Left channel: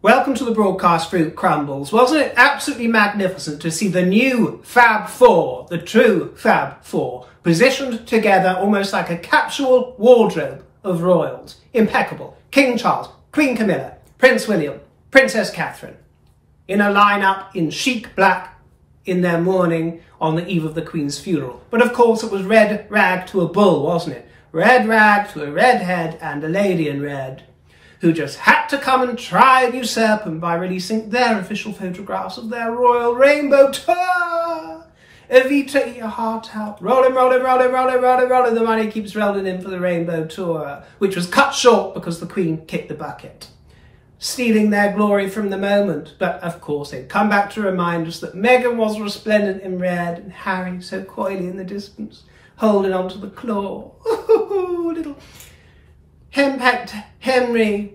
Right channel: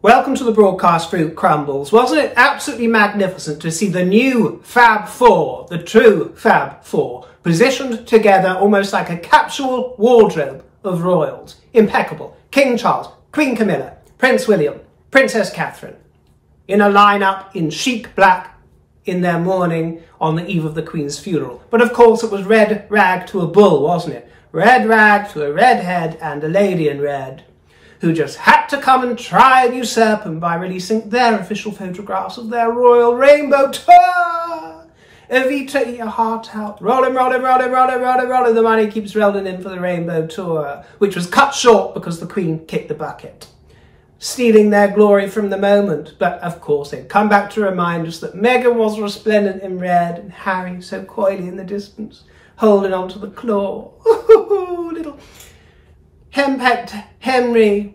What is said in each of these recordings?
Welcome to the broadcast fruit crumbles. Wasn't it absolutely magnificent to see the new Fab Four, the true Fab Four, positioned together almost like a capsule wardrobe of royals? Impeccable. King Charles, Queen Camilla, Prince William, Princess Catherine, in a lineup in chic black in their mourning on the eve of the Queen's funeral. But of course it was red rag to a bull, wasn't it? Red rag to a red head and a lady in red, who just had to come and try and usurp them by releasing their official photographs of their royal rainbow tour. Evita, eat your heart out. Rolling, rolling, rolling, rolling, rolling, rolling. The money keeps rolling in for the rainbow tour, which was cut short because the Queen kicked the bucket, stealing their glory from the moment. But of course they'd come back to remind us that Meghan was resplendent in red and Harry so coyly in the distance, holding onto the claw. Little henpecked Henry,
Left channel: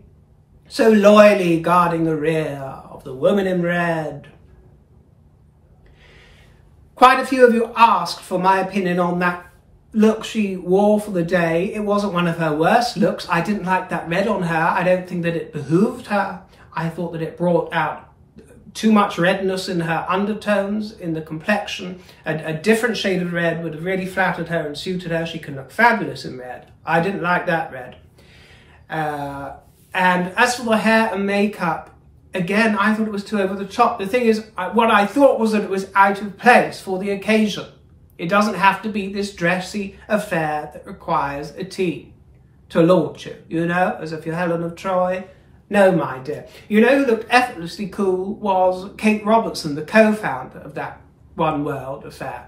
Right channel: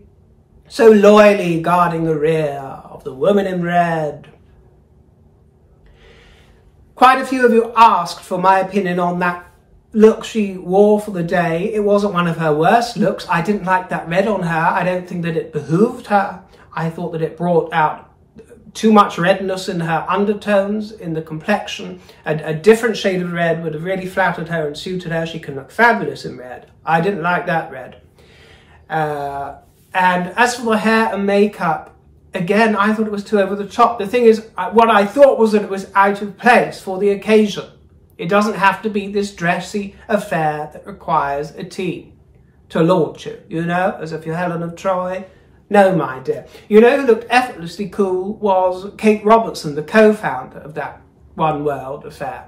so loyally guarding the rear of the woman in red. Quite a few of you asked for my opinion on that look she wore for the day. It wasn't one of her worst looks. I didn't like that red on her. I don't think that it behooved her. I thought that it brought out too much redness in her undertones, in the complexion. A different shade of red would have really flattered her and suited her. She can look fabulous in red. I didn't like that red. And as for the hair and makeup, again, I thought it was too over the top. The thing is, what I thought was that it was out of place for the occasion. It doesn't have to be this dressy affair that requires a team to launch it, you know, as if you're Helen of Troy. No, my dear. You know who looked effortlessly cool was Kate Robertson, the co-founder of that One World affair.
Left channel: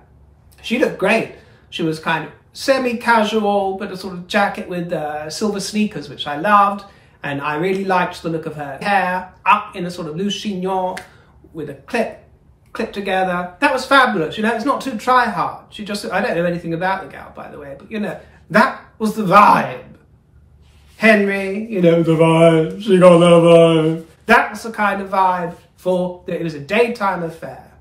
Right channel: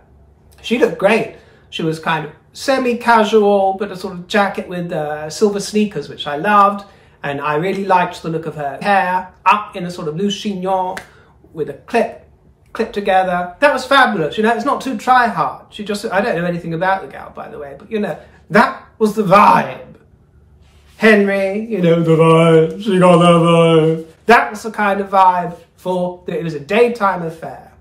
She looked great. She was kind of semi-casual, but a sort of jacket with silver sneakers, which I loved. And I really liked the look of her hair, up in a sort of loose chignon with a clip together. That was fabulous. You know, it's not too try-hard. She just, I don't know anything about the gal, by the way, but you know, that was the vibe. Henry, you know, the vibe, she got that vibe. That was the kind of vibe for, it was a daytime affair.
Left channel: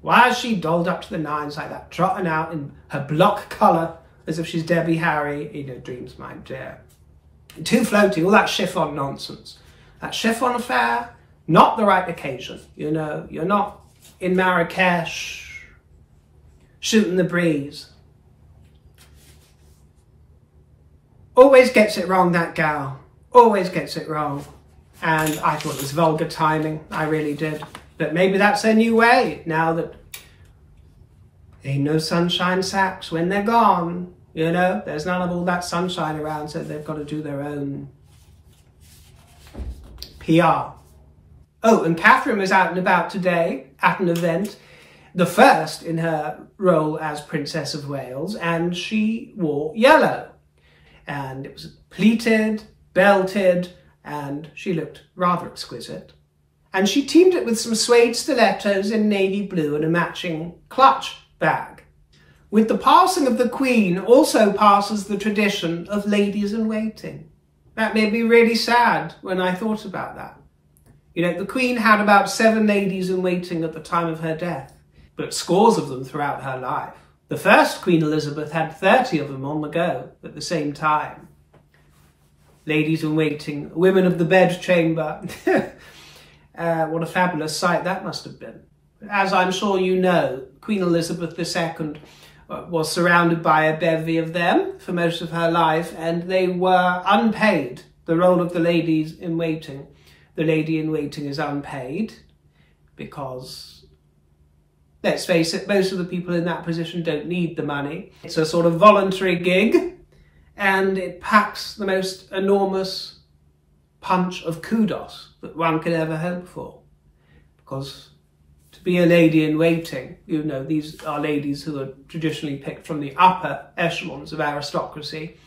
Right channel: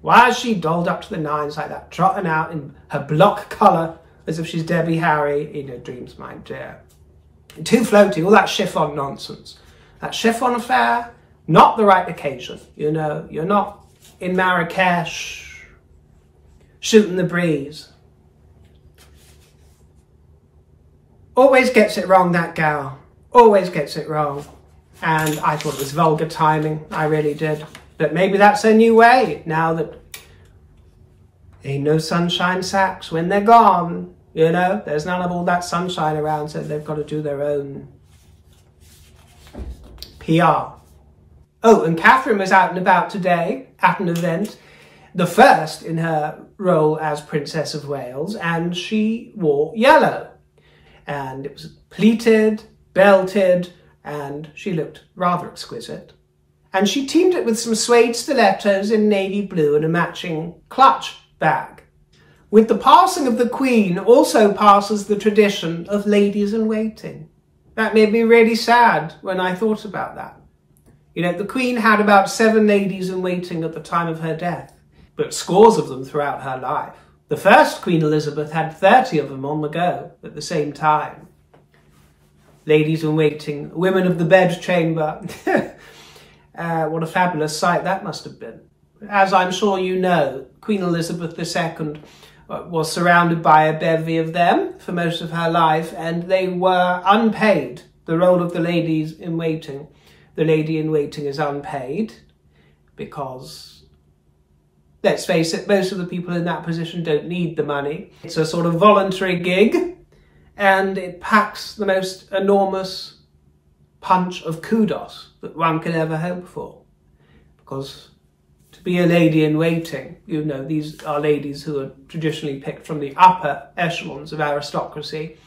Why is she dolled up to the nines like that, trotting out in her block colour as if she's Debbie Harry in her dreams, my dear? Too floaty, all that chiffon nonsense. That chiffon affair, not the right occasion, you know. You're not in Marrakesh shooting the breeze. Always gets it wrong, that gal. Always gets it wrong. And I thought it was vulgar timing. I really did. But maybe that's their new way, now that ain't no sunshine sacks when they're gone. You know, there's none of all that sunshine around, so they've got to do their own PR. Oh, and Catherine was out and about today at an event, the first in her role as Princess of Wales, and she wore yellow. And it was pleated, belted, and she looked rather exquisite. And she teamed it with some suede stilettos in navy blue and a matching clutch bag. With the passing of the Queen also passes the tradition of ladies in waiting. That made me really sad when I thought about that. You know, the Queen had about 7 ladies in waiting at the time of her death, but scores of them throughout her life. The first Queen Elizabeth had 30 of them on the go at the same time. Ladies in waiting, women of the bedchamber. What a fabulous sight that must have been. As I'm sure you know, Queen Elizabeth II was surrounded by a bevy of them for most of her life, and they were unpaid. The role of the ladies in waiting. The lady in waiting is unpaid because, let's face it, most of the people in that position don't need the money. It's a sort of voluntary gig, and it packs the most enormous punch of kudos that one can ever hope for. Because to be a lady in waiting, you know, these are ladies who are traditionally picked from the upper echelons of aristocracy,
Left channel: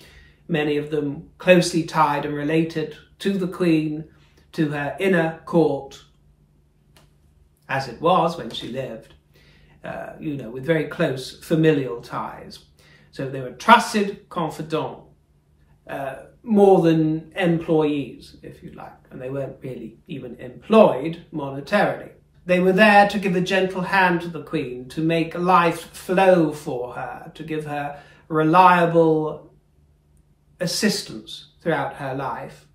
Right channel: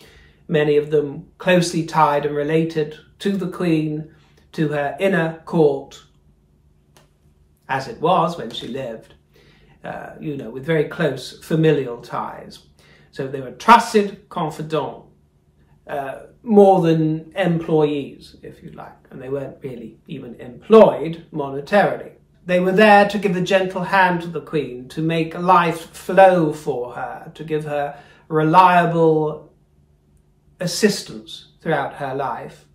many of them closely tied and related to the Queen, to her inner court, as it was when she lived, you know, with very close familial ties. So they were trusted confidants, more than employees, if you like, and they weren't really even employed monetarily. They were there to give a gentle hand to the Queen, to make life flow for her, to give her reliable assistance throughout her life.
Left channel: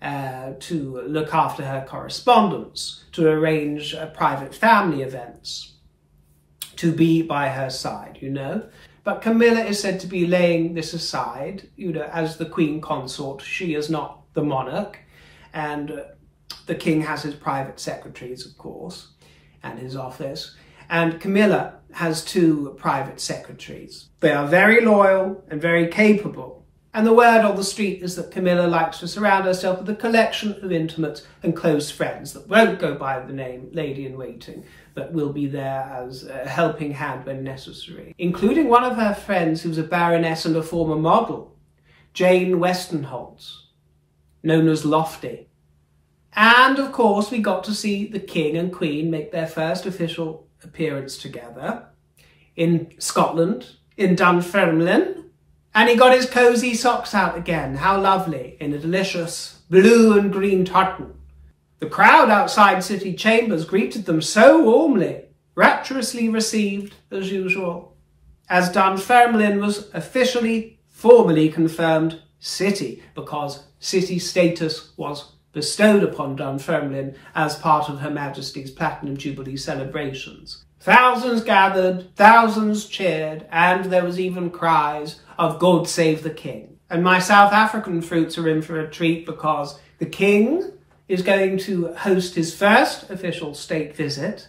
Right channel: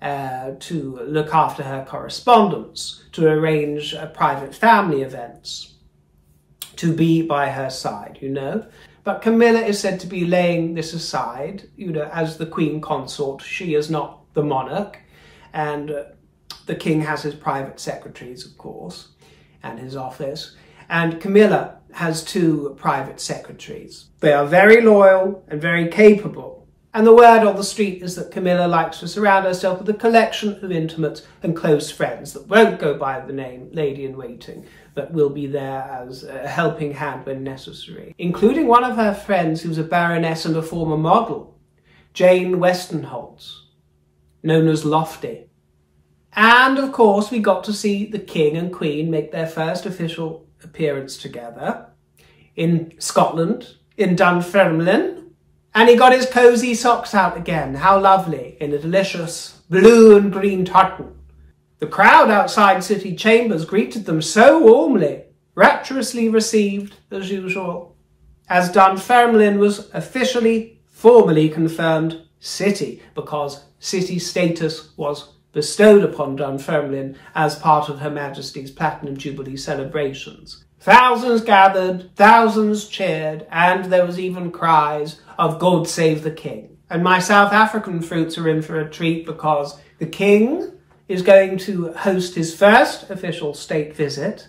to look after her correspondence, to arrange private family events, to be by her side, you know. But Camilla is said to be laying this aside, you know, as the Queen Consort. She is not the monarch, and the King has his private secretaries, of course, and his office. And Camilla has 2 private secretaries. They are very loyal and very capable. And the word on the street is that Camilla likes to surround herself with a collection of intimates and close friends that won't go by the name lady-in-waiting, but will be there as a helping hand when necessary, including one of her friends who's a baroness and a former model, Jane Westenholz, known as Lofty. And, of course, we got to see the King and Queen make their first official appearance together in Scotland, in Dunfermline. And he got his cosy socks out again. How lovely, in a delicious blue and green tartan. The crowd outside city chambers greeted them so warmly, rapturously received as usual, as Dunfermline was officially, formally confirmed city, because city status was bestowed upon Dunfermline as part of Her Majesty's Platinum Jubilee celebrations. Thousands gathered, thousands cheered, and there was even cries of God save the King. And my South African fruits are in for a treat, because the King is going to host his first official state visit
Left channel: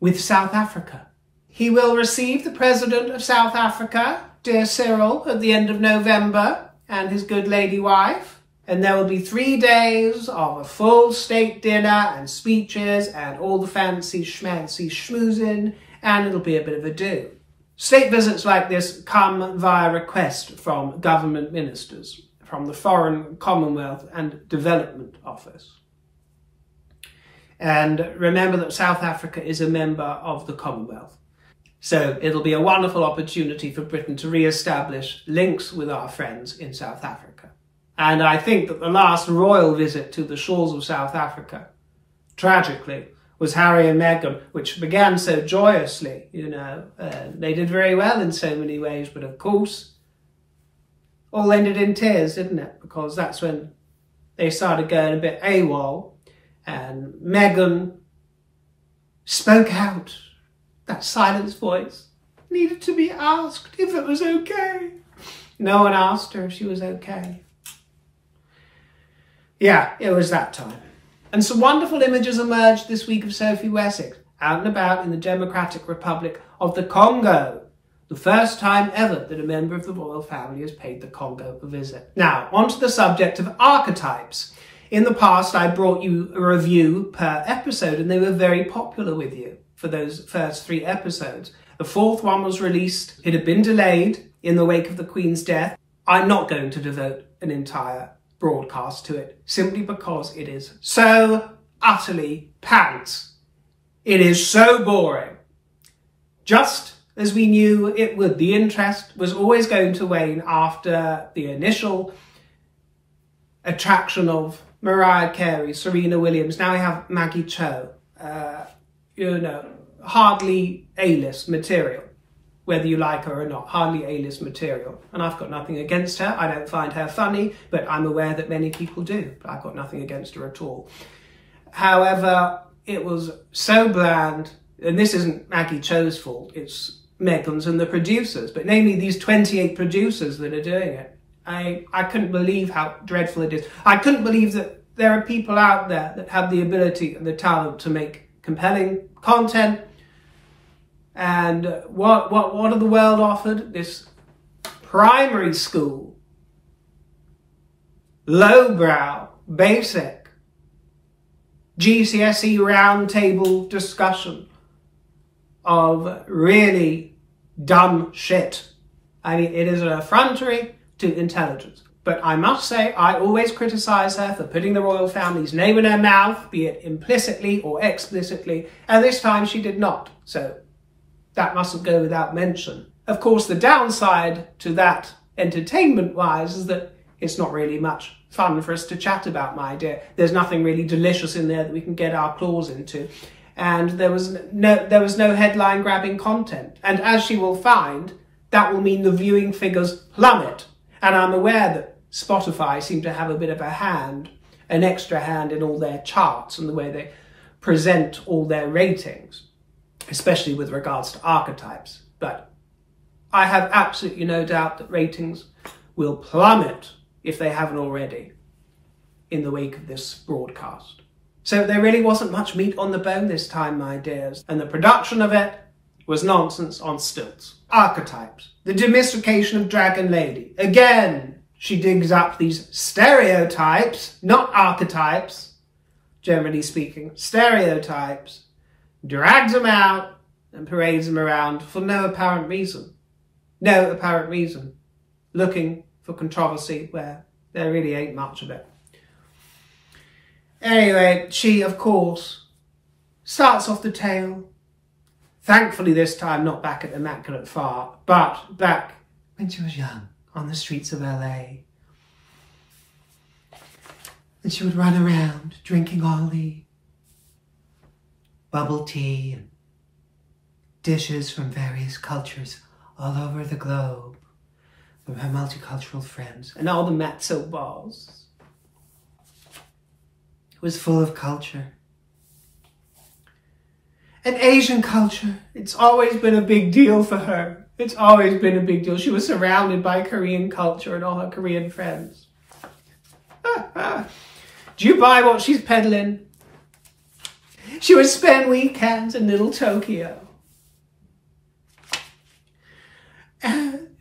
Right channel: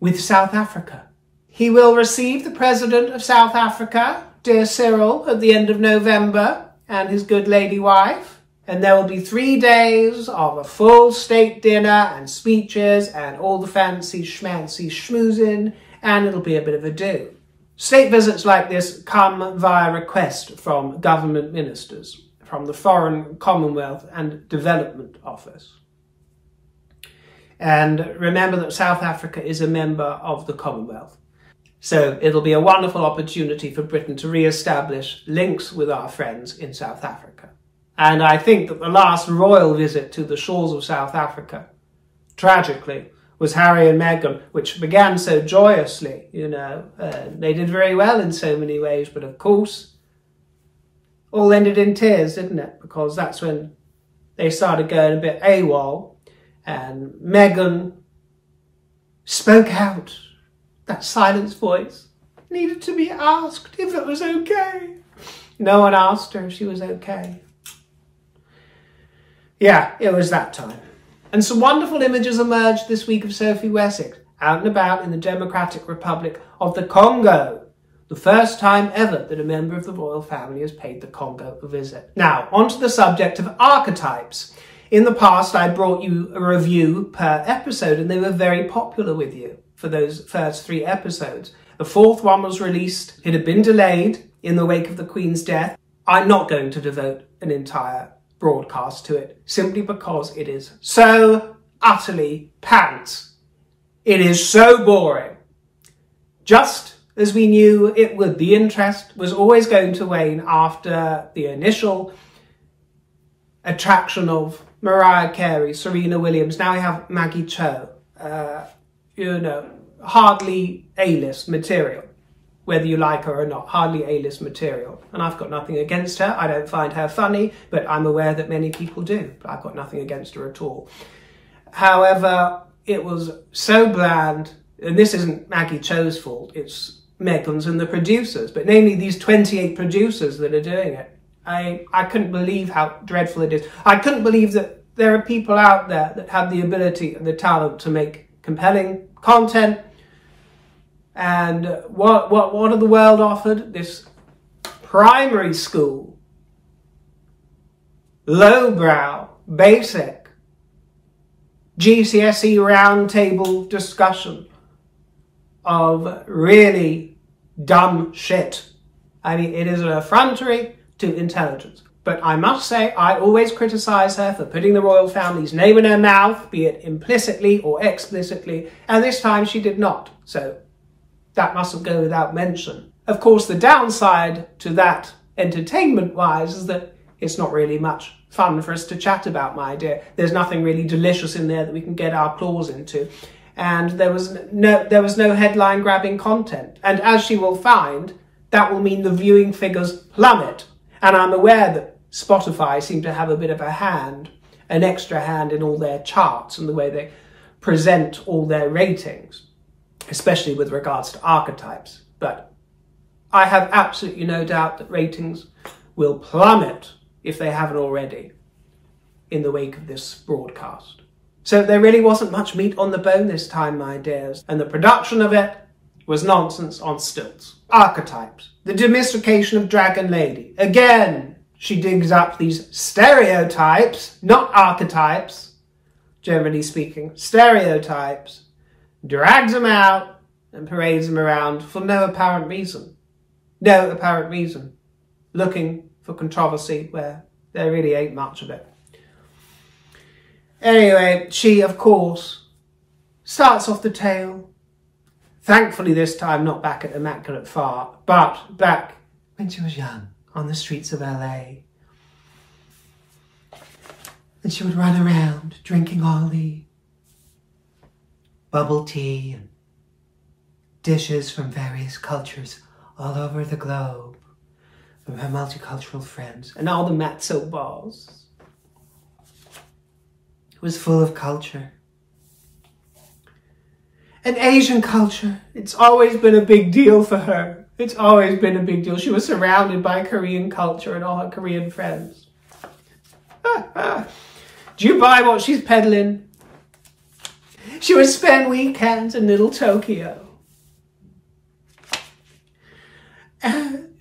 with South Africa. He will receive the President of South Africa, dear Cyril, at the end of November, and his good lady wife. And there will be 3 days of a full state dinner and speeches and all the fancy schmancy schmoozing, and it'll be a bit of a do. State visits like this come via request from government ministers, from the Foreign, Commonwealth and Development Office. And remember that South Africa is a member of the Commonwealth. So it'll be a wonderful opportunity for Britain to re-establish links with our friends in South Africa. And I think that the last royal visit to the shores of South Africa, tragically, was Harry and Meghan, which began so joyously, you know. They did very well in so many ways, but of course, all ended in tears, didn't it? Because that's when they started going a bit AWOL, and Meghan spoke out. That silenced voice needed to be asked if it was okay. No one asked her if she was okay. Yeah, it was that time. And some wonderful images emerged this week of Sophie Wessex out and about in the Democratic Republic of the Congo. The first time ever that a member of the royal family has paid the Congo a visit. Now, onto the subject of archetypes. In the past, I brought you a review per episode, and they were very popular with you for those first 3 episodes. The 4th one was released. It had been delayed in the wake of the Queen's death. I'm not going to devote an entire broadcast to it, simply because it is so utterly pants. It is so boring. Just as we knew it would, the interest was always going to wane after the initial attraction of Mariah Carey, Serena Williams. Now we have Maggie Cho, you know, hardly A-list material. Whether you like her or not, hardly A-list material. And I've got nothing against her. I don't find her funny, but I'm aware that many people do. But I've got nothing against her at all. However, it was so bland, and this isn't Maggie Cho's fault, it's Meghan's and the producers, but namely these 28 producers that are doing it. I couldn't believe how dreadful it is. I couldn't believe that there are people out there that have the ability and the talent to make compelling content. And what are the world offered? This primary school, lowbrow, basic, GCSE roundtable discussion of really dumb shit. I mean, it is an effrontery to intelligence. But I must say, I always criticise her for putting the royal family's name in her mouth, be it implicitly or explicitly, and this time she did not. So that mustn't go without mention. Of course, the downside to that, entertainment-wise, is that it's not really much fun for us to chat about, my dear. There's nothing really delicious in there that we can get our claws into. And there was no headline-grabbing content. And as she will find, that will mean the viewing figures plummet. And I'm aware that Spotify seem to have a bit of a hand, an extra hand in all their charts and the way they present all their ratings, especially with regards to Archetypes. But I have absolutely no doubt that ratings will plummet, if they haven't already, in the wake of this broadcast. So there really wasn't much meat on the bone this time, my dears, and the production of it was nonsense on stilts. Archetypes, the demystification of Dragon Lady. Again, she digs up these stereotypes, not archetypes, generally speaking, stereotypes, drags them out and parades them around for no apparent reason. No apparent reason. Looking for controversy where there really ain't much of it. Anyway, she, of course, starts off the tale. Thankfully this time not back at Immaculate Fart, but back when she was young on the streets of LA. And she would run around drinking all the bubble tea and dishes from various cultures all over the globe, from her multicultural friends, and all the matzo balls. It was full of culture. And Asian culture, it's always been a big deal for her. It's always been a big deal. She was surrounded by Korean culture and all her Korean friends. Do you buy what she's peddling? She would spend weekends in Little Tokyo.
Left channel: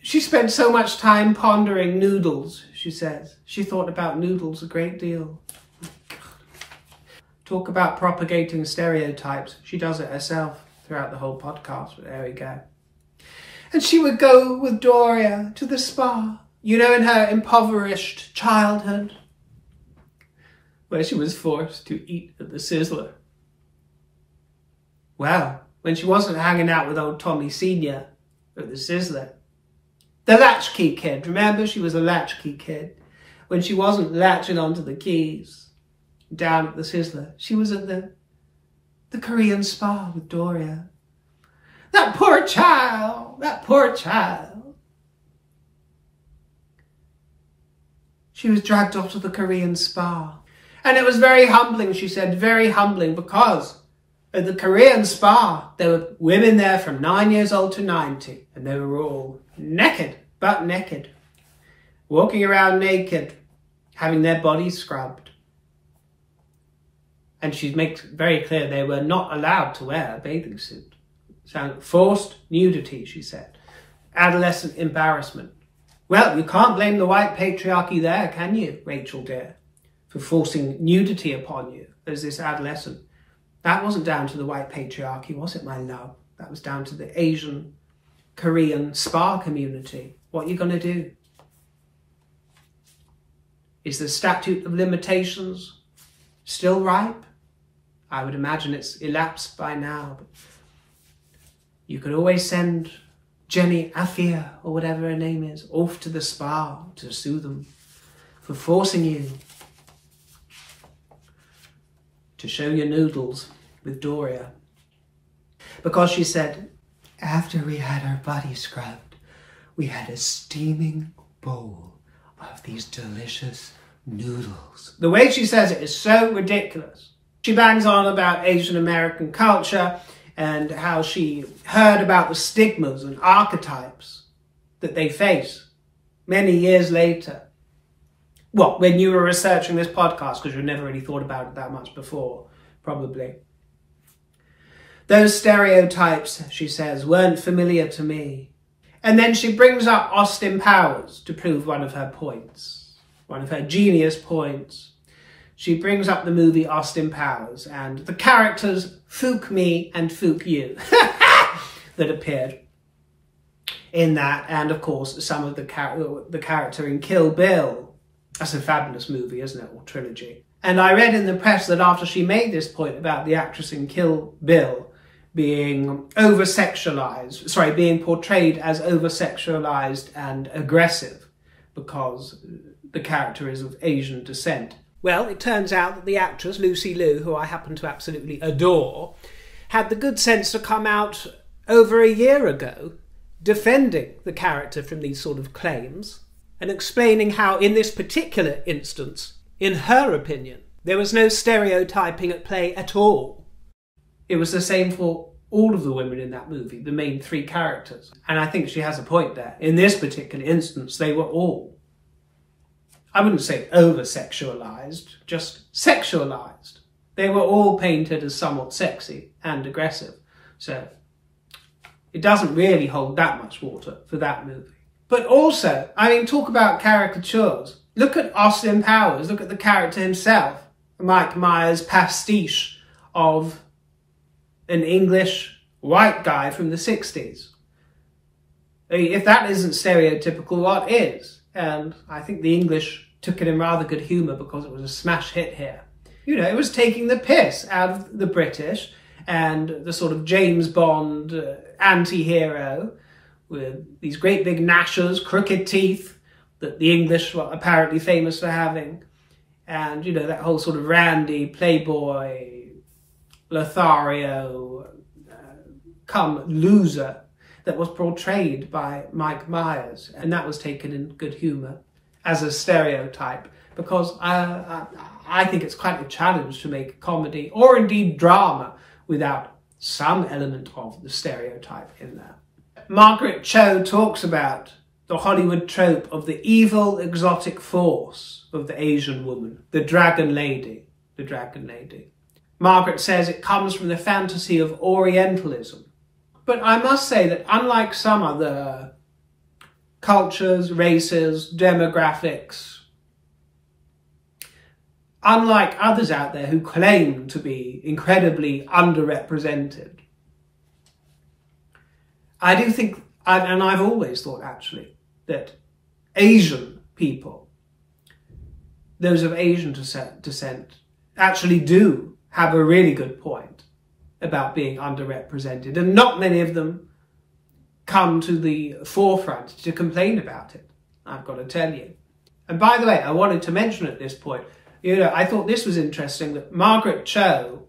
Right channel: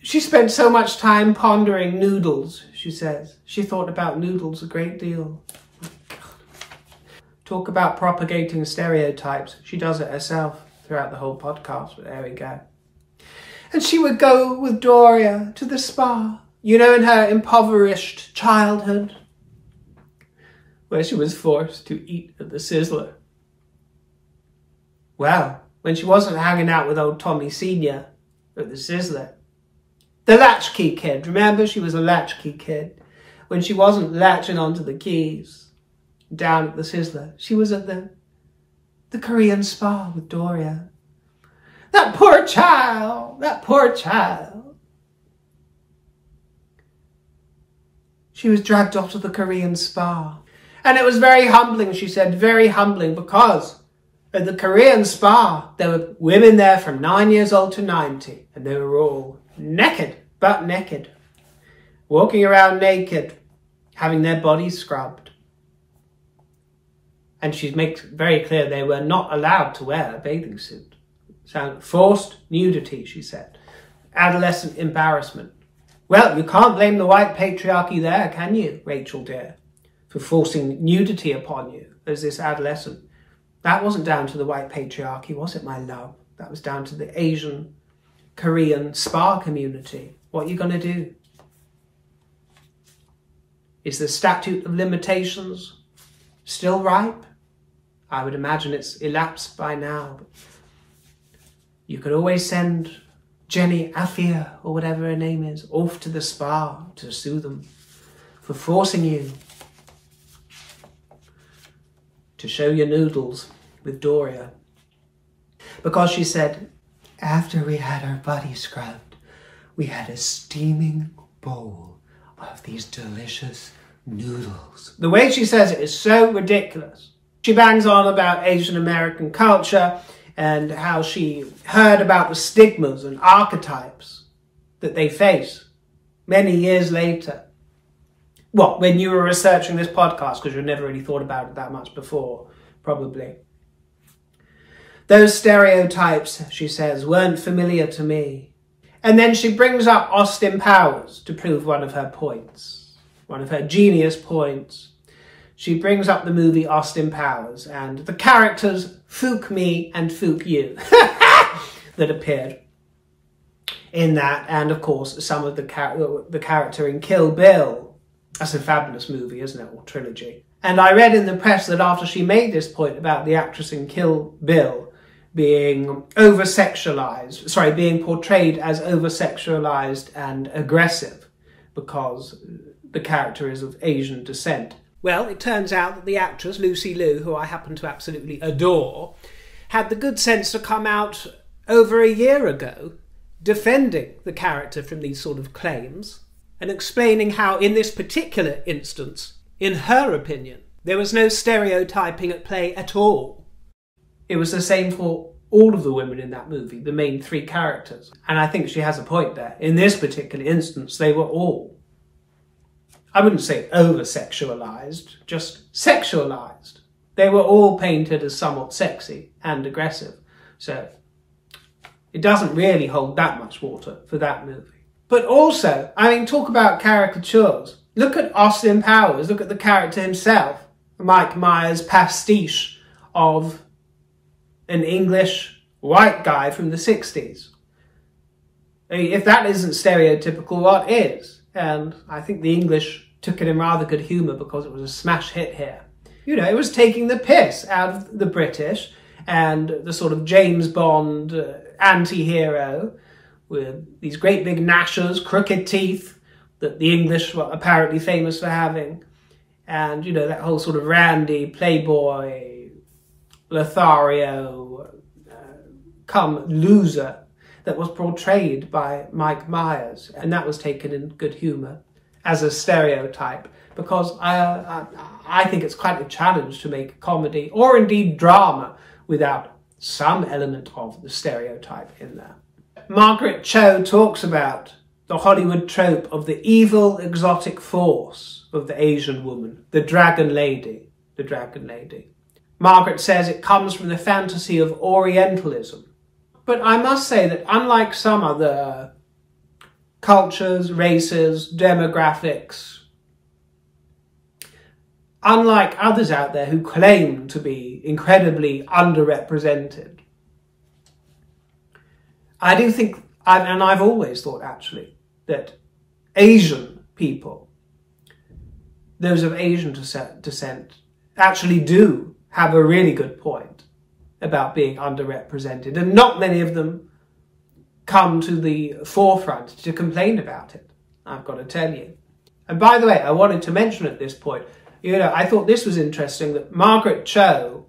She spent so much time pondering noodles, she says. She thought about noodles a great deal. Oh my God. Talk about propagating stereotypes. She does it herself throughout the whole podcast, but there we go. And she would go with Doria to the spa, you know, in her impoverished childhood, where she was forced to eat at the Sizzler. Well, when she wasn't hanging out with old Tommy Sr. at the Sizzler, the latchkey kid, remember, she was a latchkey kid. When she wasn't latching onto the keys down at the Sizzler, she was at the Korean spa with Doria. That poor child, that poor child. She was dragged off to the Korean spa. And it was very humbling, she said, very humbling, because at the Korean spa, there were women there from 9 years old to 90, and they were all naked, butt naked, walking around naked, having their bodies scrubbed. And she makes very clear they were not allowed to wear a bathing suit. Forced nudity, she said. Adolescent embarrassment. Well, you can't blame the white patriarchy there, can you, Rachel dear, for forcing nudity upon you as this adolescent. That wasn't down to the white patriarchy, was it, my love? That was down to the Asian, Korean spa community. What are you going to do? Is the statute of limitations still ripe? I would imagine it's elapsed by now. But you could always send Jenny Afia, or whatever her name is, off to the spa to sue them for forcing you to show your noodles with Doria. Because she said, after we had our bodies scrubbed, we had a steaming bowl of these delicious noodles. The way she says it is so ridiculous. She bangs on about Asian American culture and how she heard about the stigmas and archetypes that they face many years later. Well, when you were researching this podcast, because you've never really thought about it that much before, probably. Those stereotypes, she says, weren't familiar to me. And then she brings up Austin Powers to prove one of her points, one of her genius points. She brings up the movie Austin Powers and the characters Fook Me and Fook You that appeared in that, and of course some of the character in Kill Bill. That's a fabulous movie, isn't it, or trilogy. And I read in the press that after she made this point about the actress in Kill Bill being being portrayed as over-sexualized and aggressive because the character is of Asian descent. Well, it turns out that the actress, Lucy Liu, who I happen to absolutely adore, had the good sense to come out over a year ago defending the character from these sort of claims, and explaining how in this particular instance, in her opinion, there was no stereotyping at play at all. It was the same for all of the women in that movie, the main three characters. And I think she has a point there. In this particular instance, they were all, I wouldn't say over-sexualized, just sexualized. They were all painted as somewhat sexy and aggressive. So it doesn't really hold that much water for that movie. But also, I mean, talk about caricatures. Look at Austin Powers, look at the character himself. Mike Myers' pastiche of an English white guy from the 60s. I mean, if that isn't stereotypical, what is? And I think the English took it in rather good humour because it was a smash hit here. You know, it was taking the piss out of the British and the sort of James Bond anti-hero with these great big gnashers, crooked teeth that the English were apparently famous for having. And, you know, that whole sort of randy, playboy, Lothario, come loser that was portrayed by Mike Myers. And that was taken in good humour as a stereotype, because I think it's quite a challenge to make comedy, or indeed drama, without some element of the stereotype in there. Margaret Cho talks about the Hollywood trope of the evil exotic force of the Asian woman, the dragon lady, the dragon lady. Margaret says it comes from the fantasy of Orientalism. But I must say that unlike some other cultures, races, demographics, unlike others out there who claim to be incredibly underrepresented, I do think, and I've always thought actually, that Asian people, those of Asian descent, actually do have a really good point about being underrepresented, and not many of them come to the forefront to complain about it, I've got to tell you. And by the way, I wanted to mention at this point, you know, I thought this was interesting that Margaret Cho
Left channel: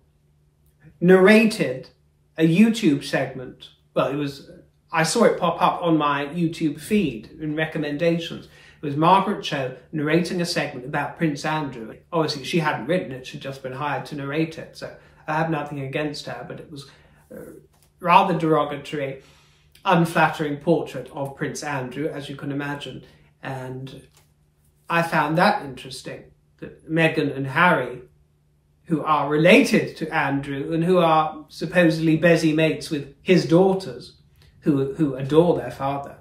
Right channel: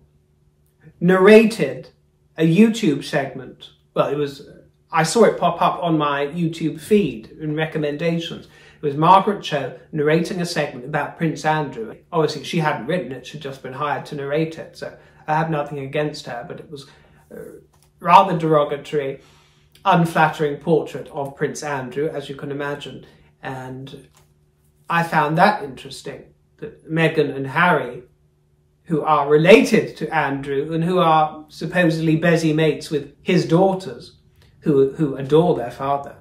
narrated a YouTube segment. Well, it was, I saw it pop up on my YouTube feed in recommendations. It was Margaret Cho narrating a segment about Prince Andrew. Obviously, she hadn't written it, she'd just been hired to narrate it. So I have nothing against her, but it was a rather derogatory, unflattering portrait of Prince Andrew, as you can imagine. And I found that interesting, that Meghan and Harry, who are related to Andrew and who are supposedly busy mates with his daughters, who adore their father,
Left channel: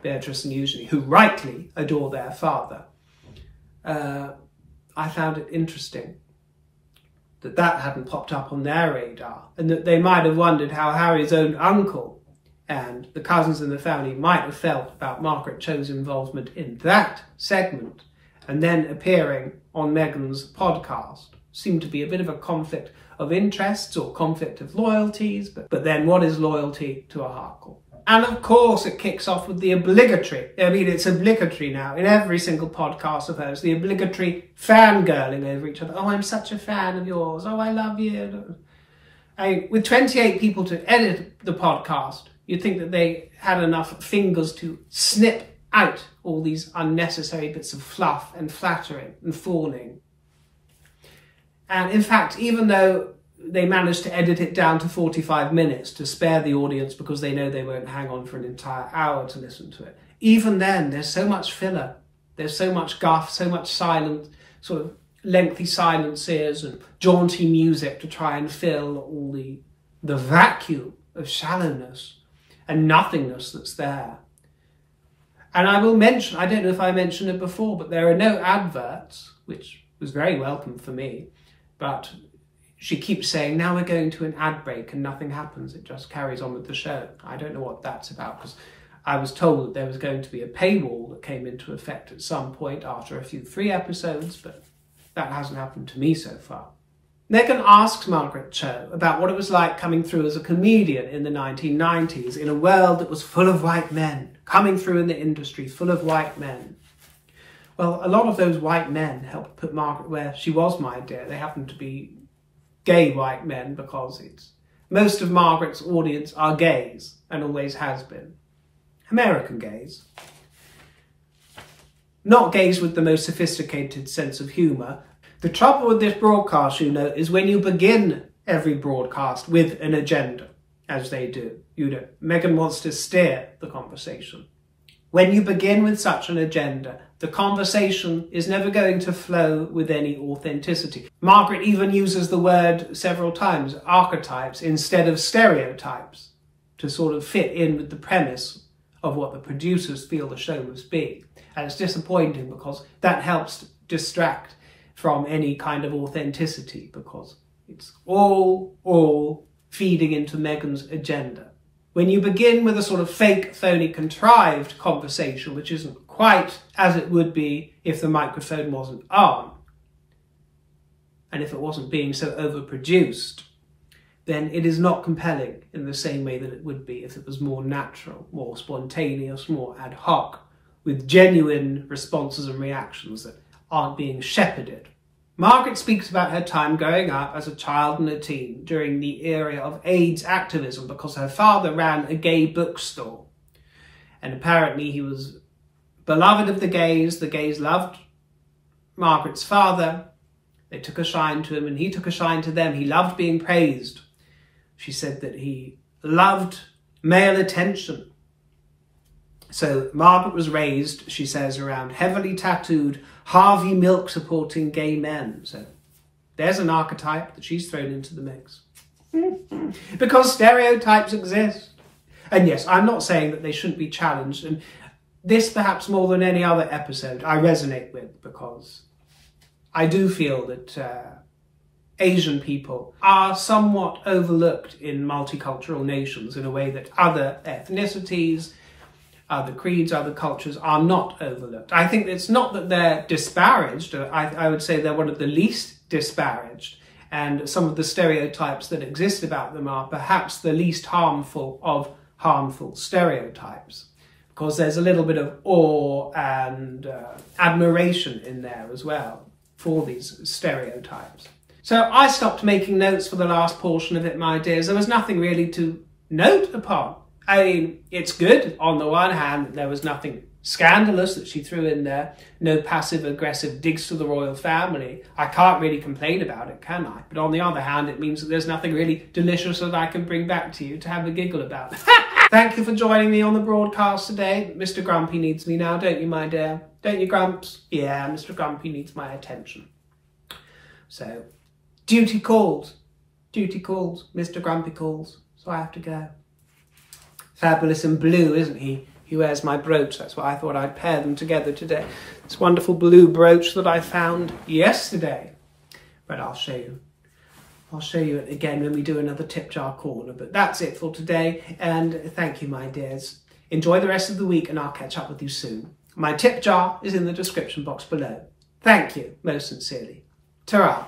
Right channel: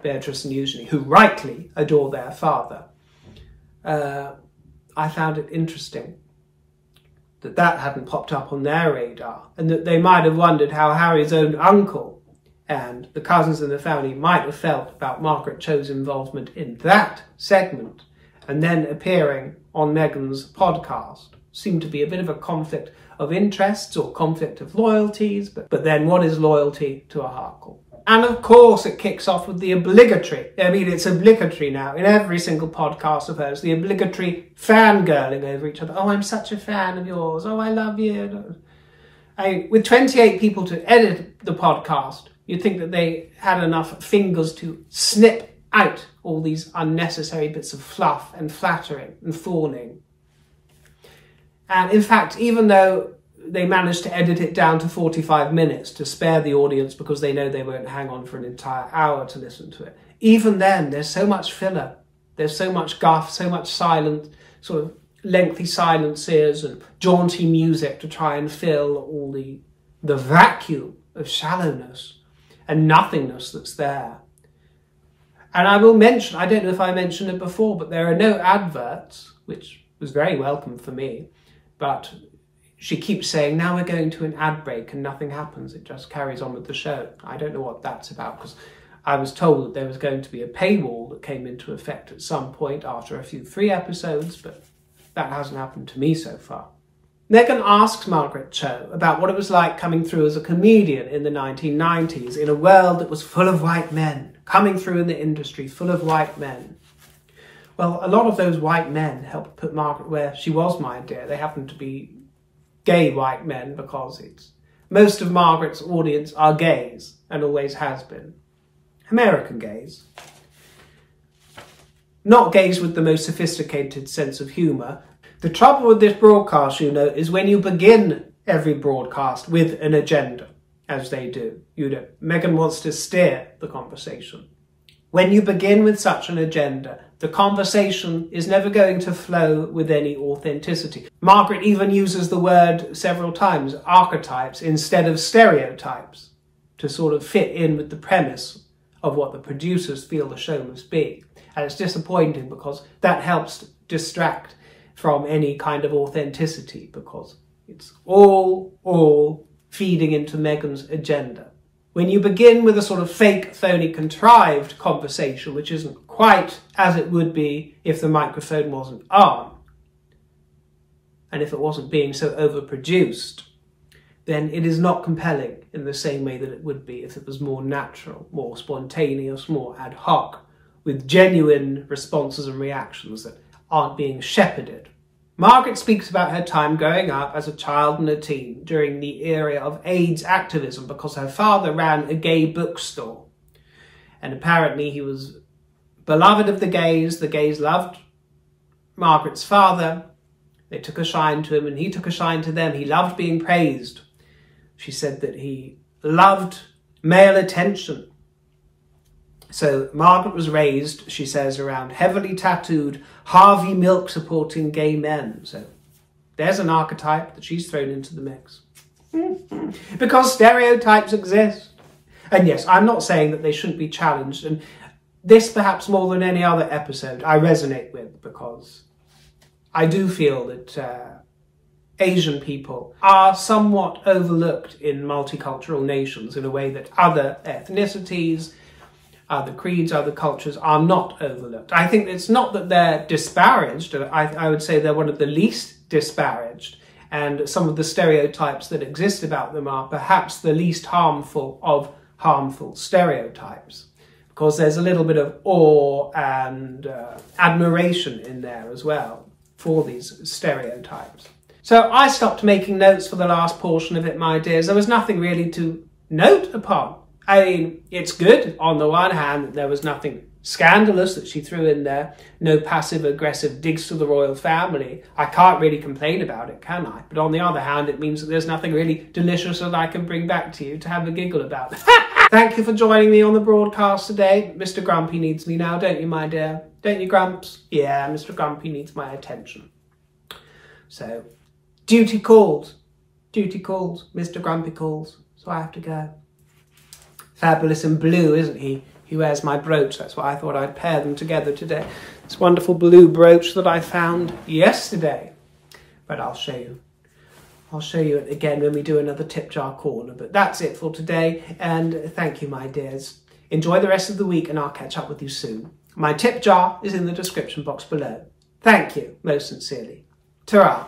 Beatrice and Eugenie, who rightly adore their father. I found it interesting that that hadn't popped up on their radar, and that they might have wondered how Harry's own uncle and the cousins in the family might have felt about Margaret Cho's involvement in that segment, and then appearing on Meghan's podcast. Seemed to be a bit of a conflict of interests or conflict of loyalties, but then what is loyalty to a Harkle? And of course it kicks off with the obligatory, I mean it's obligatory now in every single podcast of hers, the obligatory fangirling over each other. Oh, I'm such a fan of yours. Oh, I love you. With 28 people to edit the podcast, you'd think that they had enough fingers to snip out all these unnecessary bits of fluff and flattering and fawning. And in fact, even though they managed to edit it down to 45 minutes to spare the audience because they know they won't hang on for an entire hour to listen to it, even then there's so much filler, there's so much guff, so much silent, sort of lengthy silences and jaunty music to try and fill all the vacuum of shallowness and nothingness that's there. And I will mention, I don't know if I mentioned it before, but there are no adverts, which was very welcome for me. But she keeps saying, now we're going to an ad break, and nothing happens. It just carries on with the show. I don't know what that's about, because I was told that there was going to be a paywall that came into effect at some point after a few 3 episodes, but that hasn't happened to me so far. Meghan asks Margaret Cho about what it was like coming through as a comedian in the 1990s in a world that was full of white men, coming through in the industry, full of white men. Well, a lot of those white men helped put Margaret where she was, my dear. They happen to be gay white men because most of Margaret's audience are gays and always has been. American gays. not gaze with the most sophisticated sense of humour. The trouble with this broadcast, you know, is when you begin every broadcast with an agenda, as they do. You know, Meghan wants to steer the conversation. When you begin with such an agenda, the conversation is never going to flow with any authenticity. Margaret even uses the word several times, archetypes, instead of stereotypes, to sort of fit in with the premise of what the producers feel the show must be. And it's disappointing because that helps distract from any kind of authenticity, because it's all feeding into Meghan's agenda. When you begin with a sort of fake, phony, contrived conversation, which isn't quite as it would be if the microphone wasn't on, and if it wasn't being so overproduced, then it is not compelling in the same way that it would be if it was more natural, more spontaneous, more ad hoc, with genuine responses and reactions that aren't being shepherded. Margaret speaks about her time growing up as a child and a teen during the era of AIDS activism because her father ran a gay bookstore. And apparently he was beloved of the gays loved Margaret's father, they took a shine to him and he took a shine to them. He loved being praised. She said that he loved male attention. So Margaret was raised, she says, around heavily tattooed, Harvey Milk supporting gay men. So there's an archetype that she's thrown into the mix. Because stereotypes exist. And yes, I'm not saying that they shouldn't be challenged. And this, perhaps more than any other episode, I resonate with, because I do feel that Asian people are somewhat overlooked in multicultural nations in a way that other ethnicities, other creeds, other cultures are not overlooked. I think it's not that they're disparaged. I would say they're one of the least disparaged. And some of the stereotypes that exist about them are perhaps the least harmful of harmful stereotypes. Because there's a little bit of awe and admiration in there as well for these stereotypes. So I stopped making notes for the last portion of it, my dears. There was nothing really to note upon. I mean, it's good on the one hand that there was nothing scandalous that she threw in there, no passive-aggressive digs to the royal family. I can't really complain about it, can I? But on the other hand, it means that there's nothing really delicious that I can bring back to you to have a giggle about. Thank you for joining me on the broadcast today. Mr. Grumpy needs me now, don't you, my dear? Don't you, Grumps? Yeah, Mr. Grumpy needs my attention. So, duty calls. Duty calls. Mr. Grumpy calls. So I have to go. Fabulous in blue, isn't he? He wears my brooch. That's why I thought I'd pair them together today. This wonderful blue brooch that I found yesterday. But I'll show you. I'll show you it again when we do another tip jar corner. But that's it for today. And thank you, my dears. Enjoy the rest of the week and I'll catch up with you soon. My tip jar is in the description box below. Thank you, most sincerely. Ta-ra.